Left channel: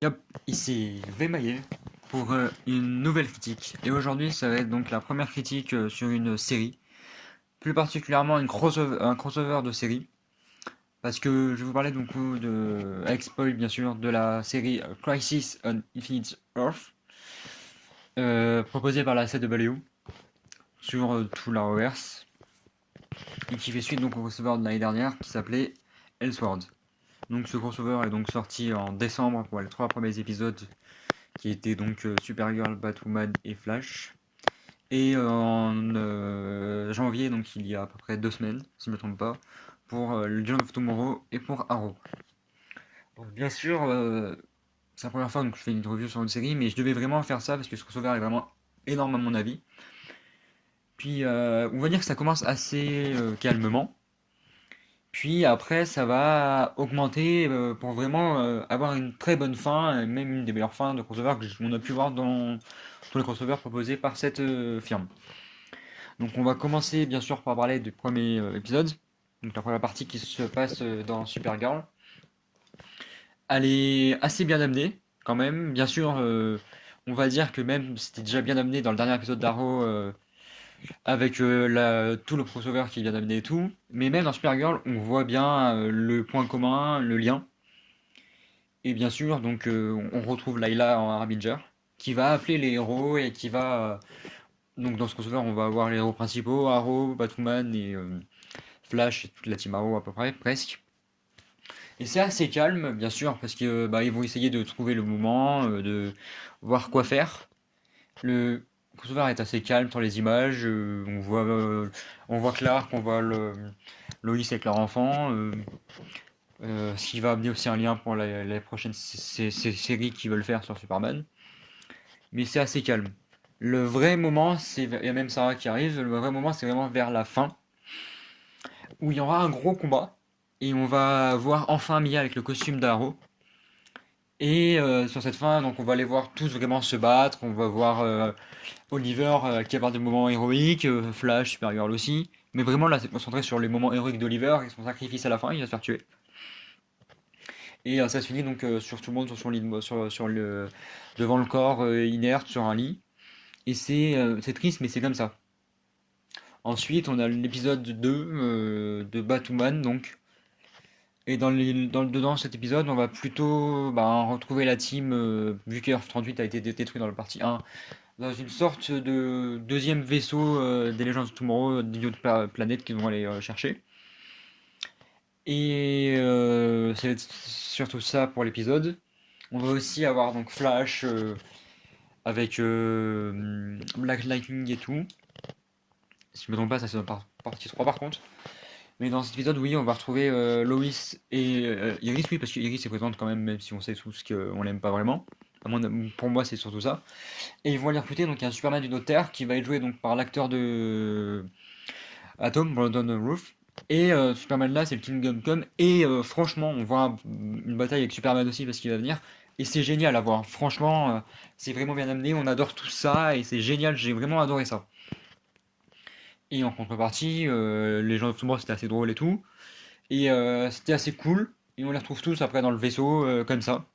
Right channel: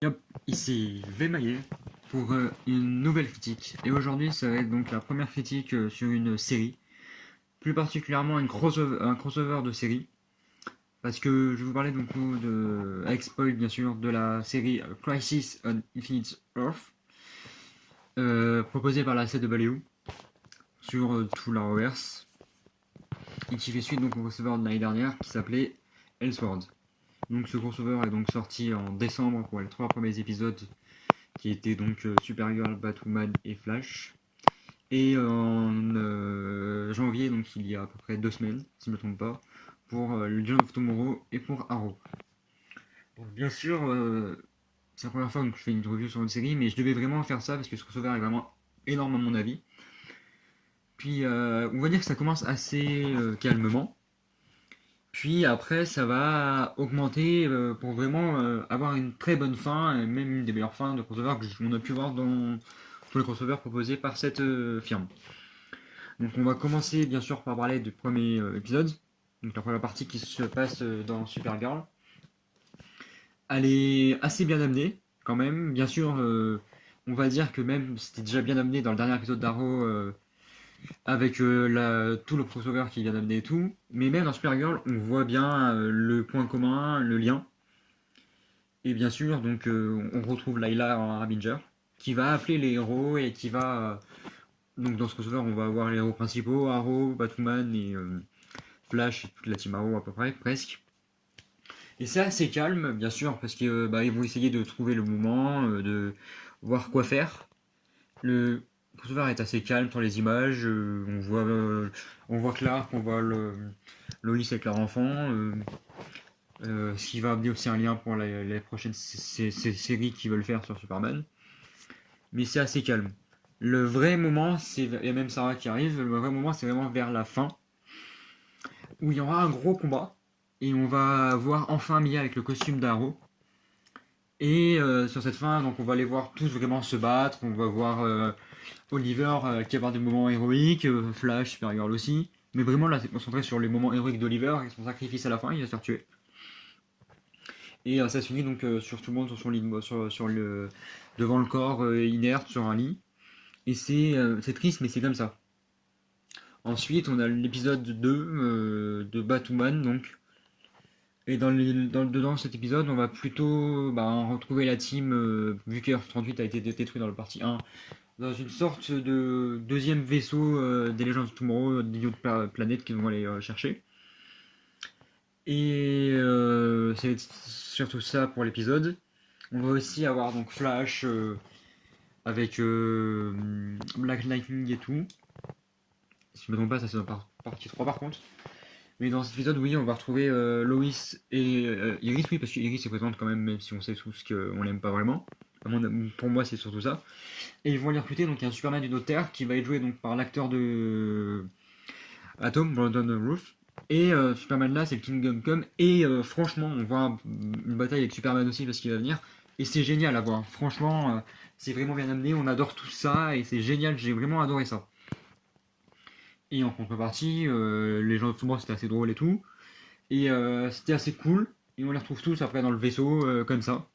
Yop, ici Vemaillé pour une nouvelle critique. Et aujourd'hui, ça va être donc la première critique sur une série, plus particulièrement un crossover de série, parce que je vais vous parler donc de, avec spoil bien sûr, de la série Crisis on Infinite Earth, proposée par la CW sur tout l'Arrowverse, et qui fait suite donc au crossover de l'année dernière qui s'appelait Elseworld. Donc ce crossover est donc sorti en décembre pour les 3 premiers épisodes qui étaient donc Supergirl, Batwoman et Flash. Et en janvier, donc il y a à peu près 2 semaines, si je ne me trompe pas, pour Legend of Tomorrow et pour Arrow. Donc, bien sûr, c'est la première fois que je fais une review sur une série, mais je devais vraiment faire ça parce que ce crossover est vraiment énorme à mon avis. Puis on va dire que ça commence assez calmement. Puis après, ça va augmenter pour vraiment avoir une très bonne fin, et même une des meilleures fins de crossover qu'on a pu voir dans tous les crossovers proposés par cette firme. Donc on va commencer bien sûr par parler du premier épisode, donc la première partie qui se passe dans Supergirl. Elle est assez bien amenée quand même, bien sûr. On va dire que même c'était déjà bien amené dans le dernier épisode d'Arrow avec tout le crossover qui vient d'amener et tout. Mais même dans Supergirl, on voit bien le point commun, le lien. Et bien sûr, donc on retrouve Layla en Harbinger, qui va appeler les héros et qui va. Donc dans ce crossover, on va avoir les héros principaux, Arrow, Batwoman et Flash et toute la team Arrow à peu près, presque. Et c'est assez calme, bien sûr, parce que ils vont essayer de trouver le moment, de voir quoi faire. Le crossover est assez calme sur les images. On voit Clark, on voit Lois avec leur enfant. Ce qui va amener aussi un lien pour les prochaines séries qu'ils veulent faire sur Superman. Mais c'est assez calme. Le vrai moment, il y a même Sarah qui arrive, le vrai moment c'est vraiment vers la fin, où il y aura un gros combat, et on va voir enfin Mia avec le costume d'Arrow. Et sur cette fin, donc on va les voir tous vraiment se battre, on va voir Oliver qui va avoir des moments héroïques, Flash, Supergirl aussi, mais vraiment là c'est concentré sur les moments héroïques d'Oliver et son sacrifice à la fin, il va se faire tuer. Et ça se finit donc sur tout le monde sur son lit, devant le corps inerte sur un lit. Et c'est triste, mais c'est comme ça. Ensuite, on a l'épisode 2 de Batwoman, donc. Et dedans cet épisode, on va plutôt retrouver la team, vu que Earth 38 a été détruit dans le partie 1, dans une sorte de deuxième vaisseau des Legends of Tomorrow, d'une autre planète qu'ils vont aller chercher. Et c'est surtout ça pour l'épisode. On va aussi avoir donc Flash avec Black Lightning et tout. Si je me trompe pas, ça c'est dans partie 3 par contre. Mais dans cet épisode, oui, on va retrouver Lois et Iris, oui, parce que Iris est présente quand même si on sait tous qu'on l'aime pas vraiment. Pour moi, c'est surtout ça. Et ils vont aller recruter donc un Superman d'une autre Terre qui va être joué donc par l'acteur de Atom, Brandon Roof. Et Superman là, c'est le Kingdom Come. Et franchement, on voit une bataille avec Superman aussi parce qu'il va venir. Et c'est génial à voir. Franchement, c'est vraiment bien amené. On adore tout ça et c'est génial. J'ai vraiment adoré ça. Et en contrepartie, les gens de Tomorrow c'était assez drôle et tout. Et c'était assez cool. Et on les retrouve tous après dans le vaisseau, comme ça.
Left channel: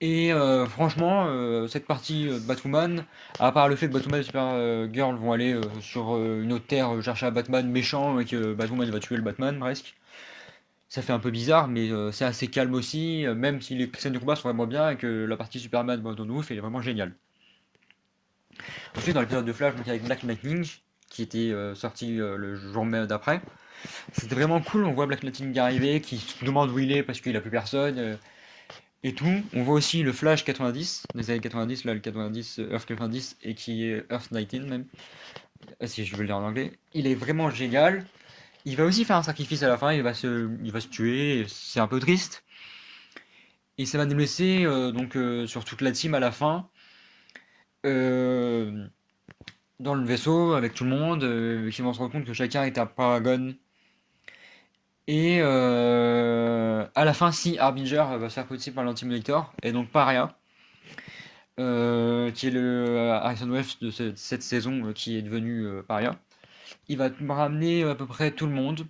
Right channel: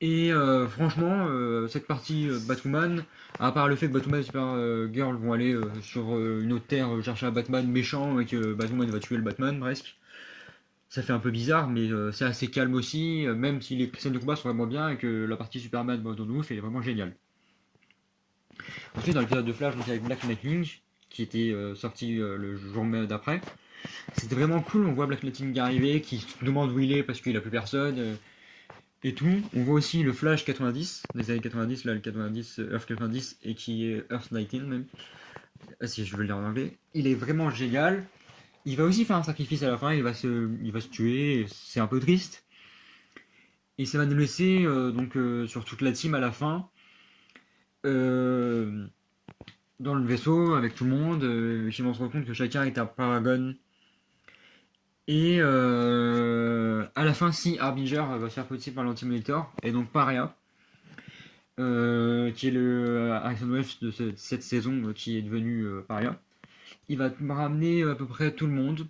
Et franchement, cette partie Batwoman, à part le fait que Batwoman et Supergirl vont aller sur une autre terre chercher un Batman méchant et que Batwoman va tuer le Batman presque, ça fait un peu bizarre, mais c'est assez calme aussi, même si les scènes de combat sont vraiment bien et que la partie Superman Brandon Roof est vraiment géniale. Ensuite, dans l'épisode de Flash, donc avec Black Lightning, qui était sorti le jour d'après, c'était vraiment cool. On voit Black Lightning arriver, qui se demande où il est parce qu'il a plus personne. Et tout. On voit aussi le Flash 90, des années 90, là le 90, Earth 90, et qui est Earth 19 même, si je veux le dire en anglais. Il est vraiment génial. Il va aussi faire un sacrifice à la fin, il va se tuer, c'est un peu triste. Et ça va nous laisser donc sur toute la team à la fin, euh, dans le vaisseau avec tout le monde, qui vont se rendre compte que chacun est un paragon. Et à la fin, si Harbinger va se faire pousser par l'Anti-Monitor, et donc Paria, qui est le Harrison Wells de cette saison qui est devenu Paria, il va ramener à peu près tout le monde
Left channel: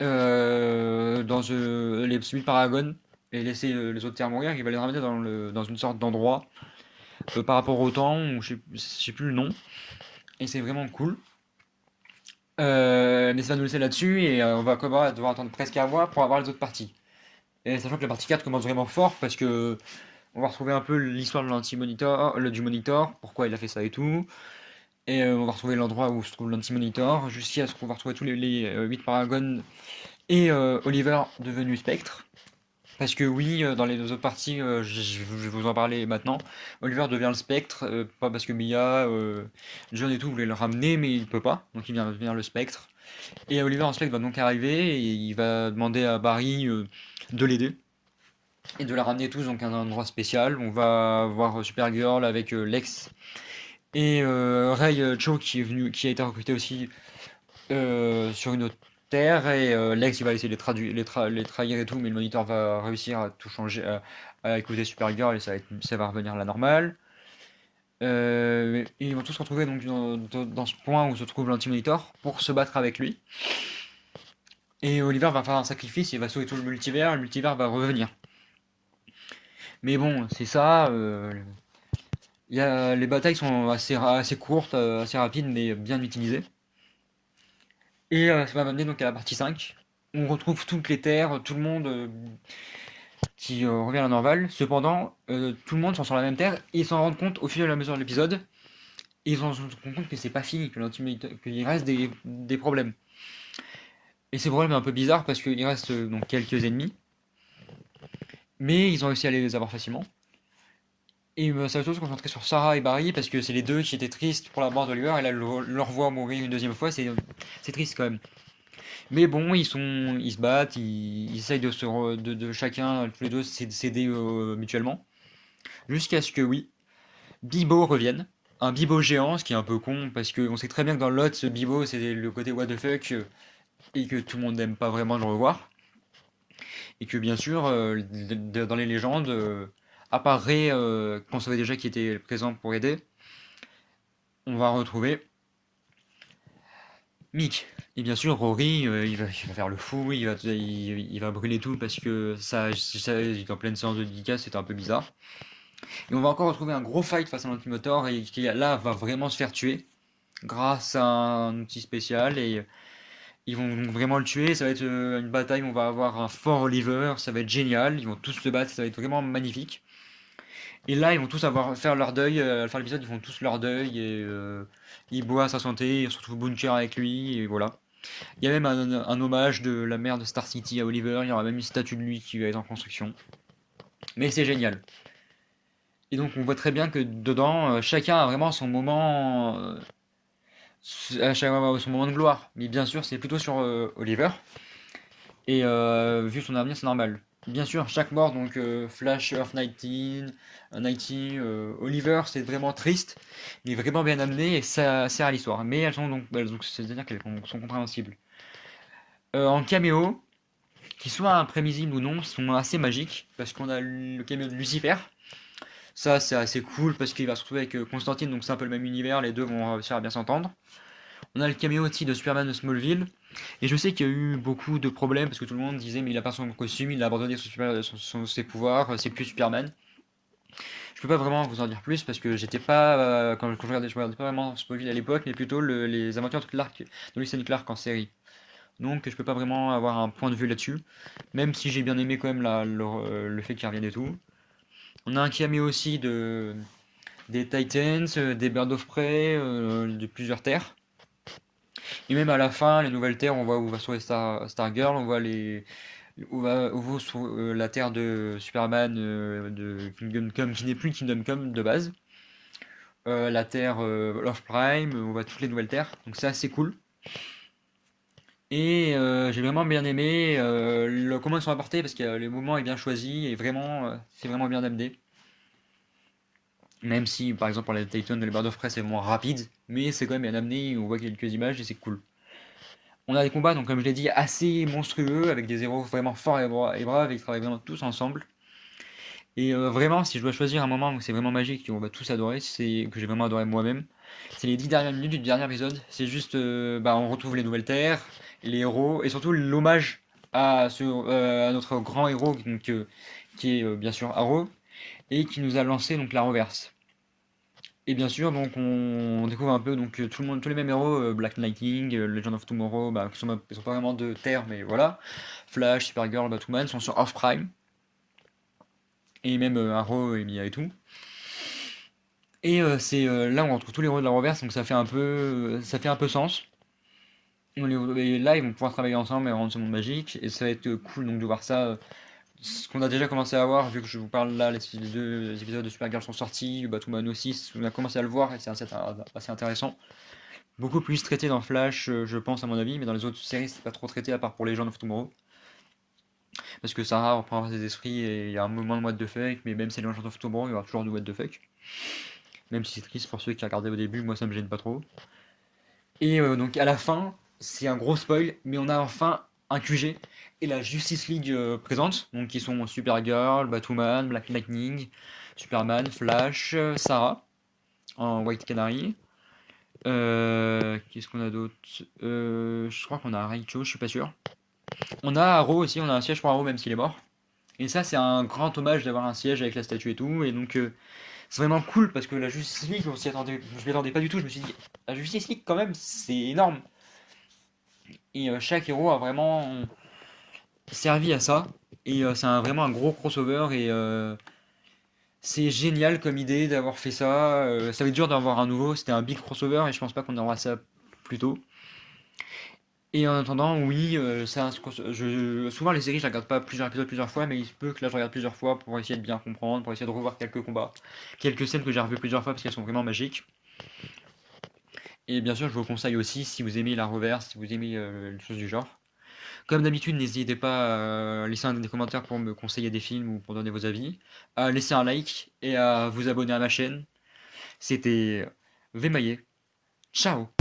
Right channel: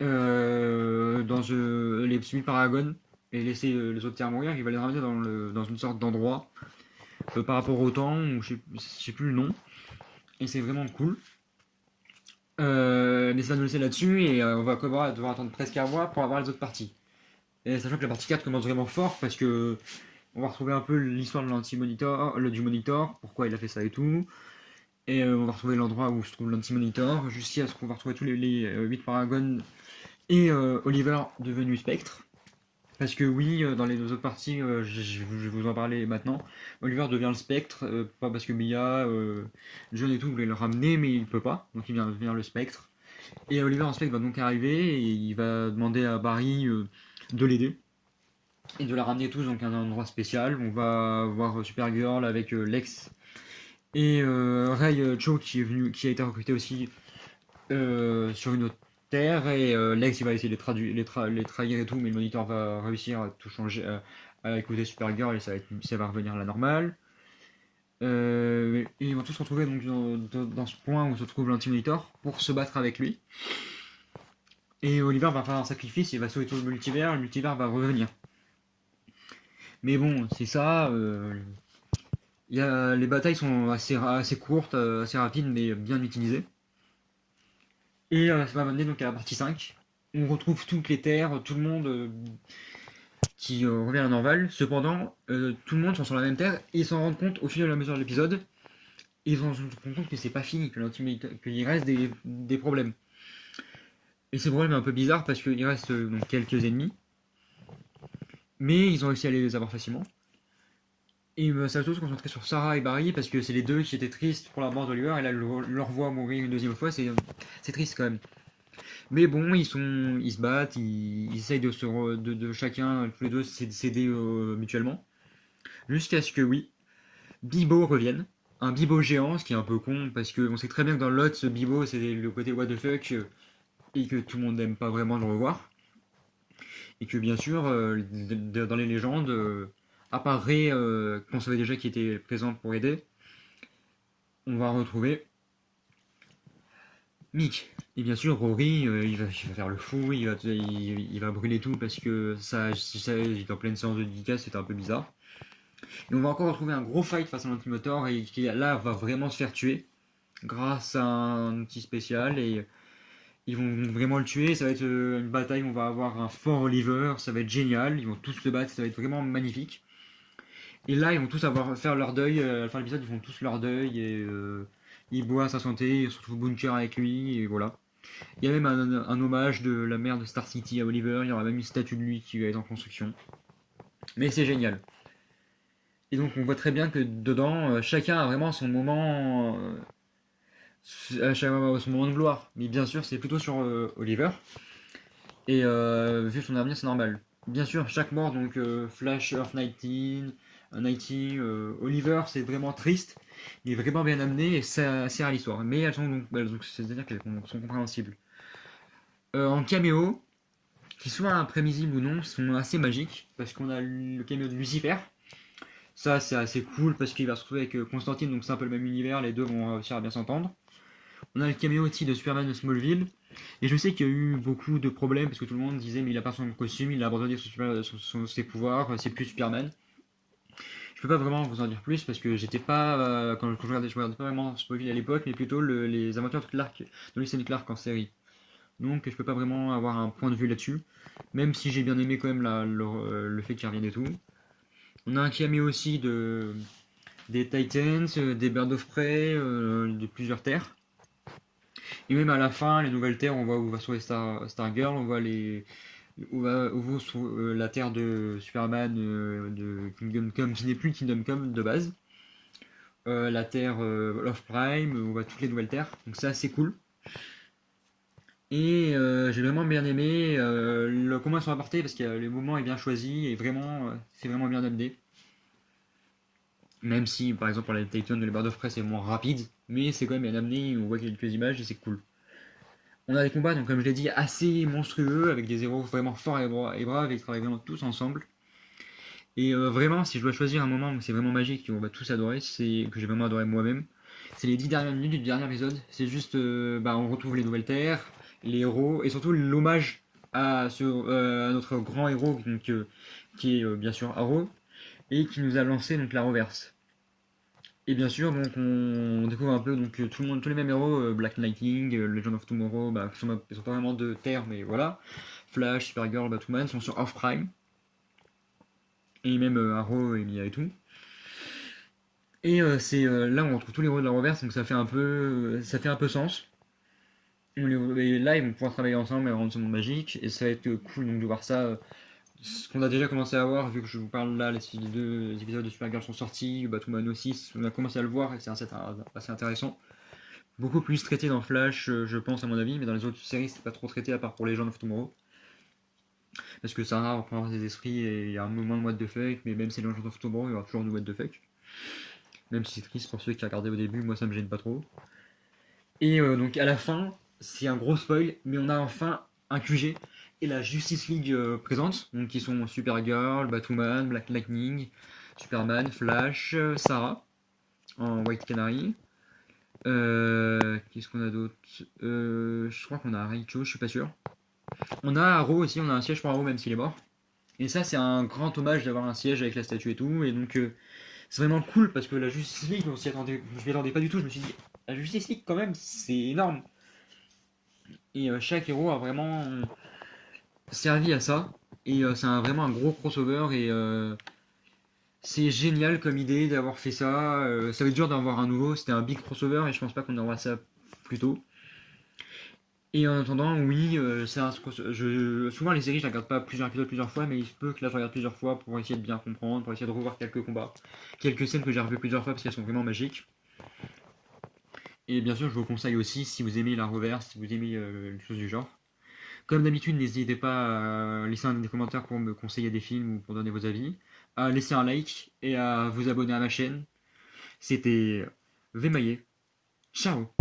dans les Paragon et laisser les autres terres mourir, il va les ramener dans une sorte d'endroit par rapport au temps, ou je sais plus le nom, et c'est vraiment cool. Mais ça va nous laisser là-dessus, et on va devoir attendre presque un mois pour avoir les autres parties. Et sachant que la partie 4 commence vraiment fort, parce que on va retrouver un peu l'histoire de l'anti-monitor, du monitor, pourquoi il a fait ça et tout. Et on va retrouver l'endroit où se trouve l'anti-monitor, jusqu'à ce qu'on va retrouver tous les 8 Paragons et Oliver devenu Spectre. Parce que oui, dans les deux autres parties, je vais vous en parler maintenant, Oliver devient le Spectre, pas parce que Mia, John et tout voulaient le ramener, mais il peut pas, donc il vient devenir le Spectre. Et Oliver en Spectre va donc arriver, et il va demander à Barry de l'aider, et de la ramener tous donc à un endroit spécial. On va voir Supergirl avec Lex, et Ray Cho qui a été recruté aussi sur une autre terre, et Lex il va essayer de les trahir et tout, mais le moniteur va réussir à tout changer, à écouter Supergirl, et ça va revenir à la normale. Et ils vont tous se retrouver donc dans ce point où se trouve l'anti-monitor pour se battre avec lui. Et Oliver va faire un sacrifice, il va sauver tout le multivers va revenir. Mais bon, c'est ça. Les batailles sont assez courtes, assez rapides, mais bien utilisées. Et ça va m'amener donc à la partie 5. On retrouve toutes les terres, tout le monde qui revient à la normale. Cependant, tout le monde sont sur la même terre et ils s'en rendent compte au fur et à mesure de l'épisode. Et ils se rendent compte que c'est pas fini, qu'il reste des problèmes. Et ces problèmes sont un peu bizarres parce qu'il reste donc quelques ennemis. Mais ils ont réussi à les avoir facilement. Et ça va surtout se concentrer sur Sarah et Barry parce que c'est les deux qui étaient tristes pour la mort d'Oliver, et là leur voir mourir une deuxième fois, c'est triste quand même. Mais bon, ils se battent, ils essayent de chacun, tous les deux, s'aider mutuellement. Jusqu'à ce que, oui, Bibo revienne. Un Bibo géant, ce qui est un peu con, parce qu'on sait très bien que dans l'autre, ce Bibo, c'est le côté what the fuck, et que tout le monde n'aime pas vraiment le revoir. Et que, bien sûr, dans les légendes, à part Ray, qu'on savait déjà qui était présent pour aider, on va retrouver Mick. Et bien sûr, Rory, il va faire le fou, il va brûler tout parce que il est en pleine séance de dédicace, c'était un peu bizarre. Et on va encore retrouver un gros fight face à l'Antimotor, et qui là va vraiment se faire tuer grâce à un outil spécial, et ils vont donc vraiment le tuer. Ça va être une bataille où on va avoir un fort Oliver, ça va être génial, ils vont tous se battre, ça va être vraiment magnifique. Et là, ils vont tous faire leur deuil, à la fin de l'épisode, ils font tous leur deuil, et il boit à sa santé, il se retrouve Bunker avec lui, et voilà. Il y a même un hommage de la mère de Star City à Oliver, il y aura même une statue de lui qui va être en construction. Mais c'est génial. Et donc on voit très bien que dedans, chacun a vraiment son moment, son moment de gloire. Mais bien sûr, c'est plutôt sur Oliver. Et vu son avenir, c'est normal. Bien sûr, chaque mort, donc Flash, Earth 19, 90, Oliver, c'est vraiment triste, mais vraiment bien amené, et ça sert à l'histoire. Mais elles sont donc c'est-à-dire qu'elles sont compréhensibles. En caméo, qu'ils soient imprévisibles ou non, sont assez magiques, parce qu'on a le caméo de Lucifer. Ça, c'est assez cool parce qu'il va se retrouver avec Constantine, donc c'est un peu le même univers, les deux vont réussir à bien s'entendre. On a le caméo aussi de Superman de Smallville, et je sais qu'il y a eu beaucoup de problèmes parce que tout le monde disait mais il a pas son costume, il a abandonné ses pouvoirs, c'est plus Superman. Je peux pas vraiment vous en dire plus parce que j'étais pas quand je regardais pas vraiment Smallville à l'époque, mais plutôt les aventures de Clark, de Lois and Clark en série. Donc je peux pas vraiment avoir un point de vue là-dessus, même si j'ai bien aimé quand même le fait qu'il revienne et tout. On a un caméo aussi des Titans, des Birds of Prey, de plusieurs terres. Et même à la fin, les nouvelles terres, on voit où va se trouver Stargirl, on voit la terre de Superman de Kingdom Come, qui n'est plus Kingdom Come de base. La terre Love Prime, on voit toutes les nouvelles terres, donc c'est assez cool. Et j'ai vraiment bien aimé comment ils sont apportés parce que le moment est bien choisi et vraiment, c'est vraiment bien amené. Même si, par exemple, pour les Titans de les Bird of Prey, c'est moins rapide, mais c'est quand même bien amené, on voit quelques images et c'est cool. On a des combats, donc comme je l'ai dit, assez monstrueux, avec des héros vraiment forts et braves, et qui travaillent vraiment tous ensemble. Et vraiment, si je dois choisir un moment où c'est vraiment magique, qu'on va tous adorer, que j'ai vraiment adoré moi-même, c'est les 10 dernières minutes du dernier épisode. C'est juste, on retrouve les nouvelles terres, les héros, et surtout l'hommage à notre grand héros, donc, qui est bien sûr Arrow, et qui nous a lancé donc la reverse. Et bien sûr, donc on découvre un peu donc tout le monde, tous les mêmes héros, Black Lightning, Legend of Tomorrow, bah, ils sont pas vraiment de Terre, mais voilà. Flash, Supergirl, Batwoman sont sur Earth Prime. Et même Arrow et Mia et tout. Et c'est là où on retrouve tous les héros de la reverse, donc ça fait un peu sens. Et là, ils vont pouvoir travailler ensemble et rendre ce monde magique, et ça va être cool donc de voir ça. Ce qu'on a déjà commencé à voir, vu que je vous parle là, les deux épisodes de Supergirl sont sortis, Batwoman aussi, on a commencé à le voir et c'est assez intéressant. Beaucoup plus traité dans Flash, je pense à mon avis, mais dans les autres séries, c'est pas trop traité à part pour Legends of Tomorrow. Parce que Sarah reprend ses esprits et il y a un moment de what the fuck, mais même si c'est Legends of Tomorrow, il y aura toujours du what the fuck. Même si c'est triste pour ceux qui regardaient au début, moi ça me gêne pas trop. Et donc à la fin, c'est un gros spoil, mais on a enfin un QG et la Justice League présente, donc qui sont Supergirl, Batwoman, Black Lightning, Superman, Flash, Sarah en White Canary. Qu'est-ce qu'on a d'autre Je crois qu'on a Rachel, je suis pas sûr. On a Arrow aussi, on a un siège pour Arrow même s'il est mort. Et ça c'est un grand hommage d'avoir un siège avec la statue et tout, et donc c'est vraiment cool parce que la Justice League, je m'y attendais pas du tout, je me suis dit, la Justice League quand même, c'est énorme. Et chaque héros a vraiment servi à ça. Et c'est vraiment un gros crossover et c'est génial comme idée d'avoir fait ça. Ça va être dur d'avoir un nouveau, c'était un big crossover et je pense pas qu'on aura ça plus tôt. Et en attendant, oui, souvent les séries, je les regarde pas plusieurs épisodes plusieurs fois, mais il se peut que là je regarde plusieurs fois pour essayer de bien comprendre, pour essayer de revoir quelques combats, quelques scènes que j'ai revues plusieurs fois parce qu'elles sont vraiment magiques. Et bien sûr, je vous conseille aussi, si vous aimez la reverse, si vous aimez les choses du genre. Comme d'habitude, n'hésitez pas à laisser des commentaires pour me conseiller des films ou pour donner vos avis, à laisser un like et à vous abonner à ma chaîne. C'était Vemaillé. Ciao!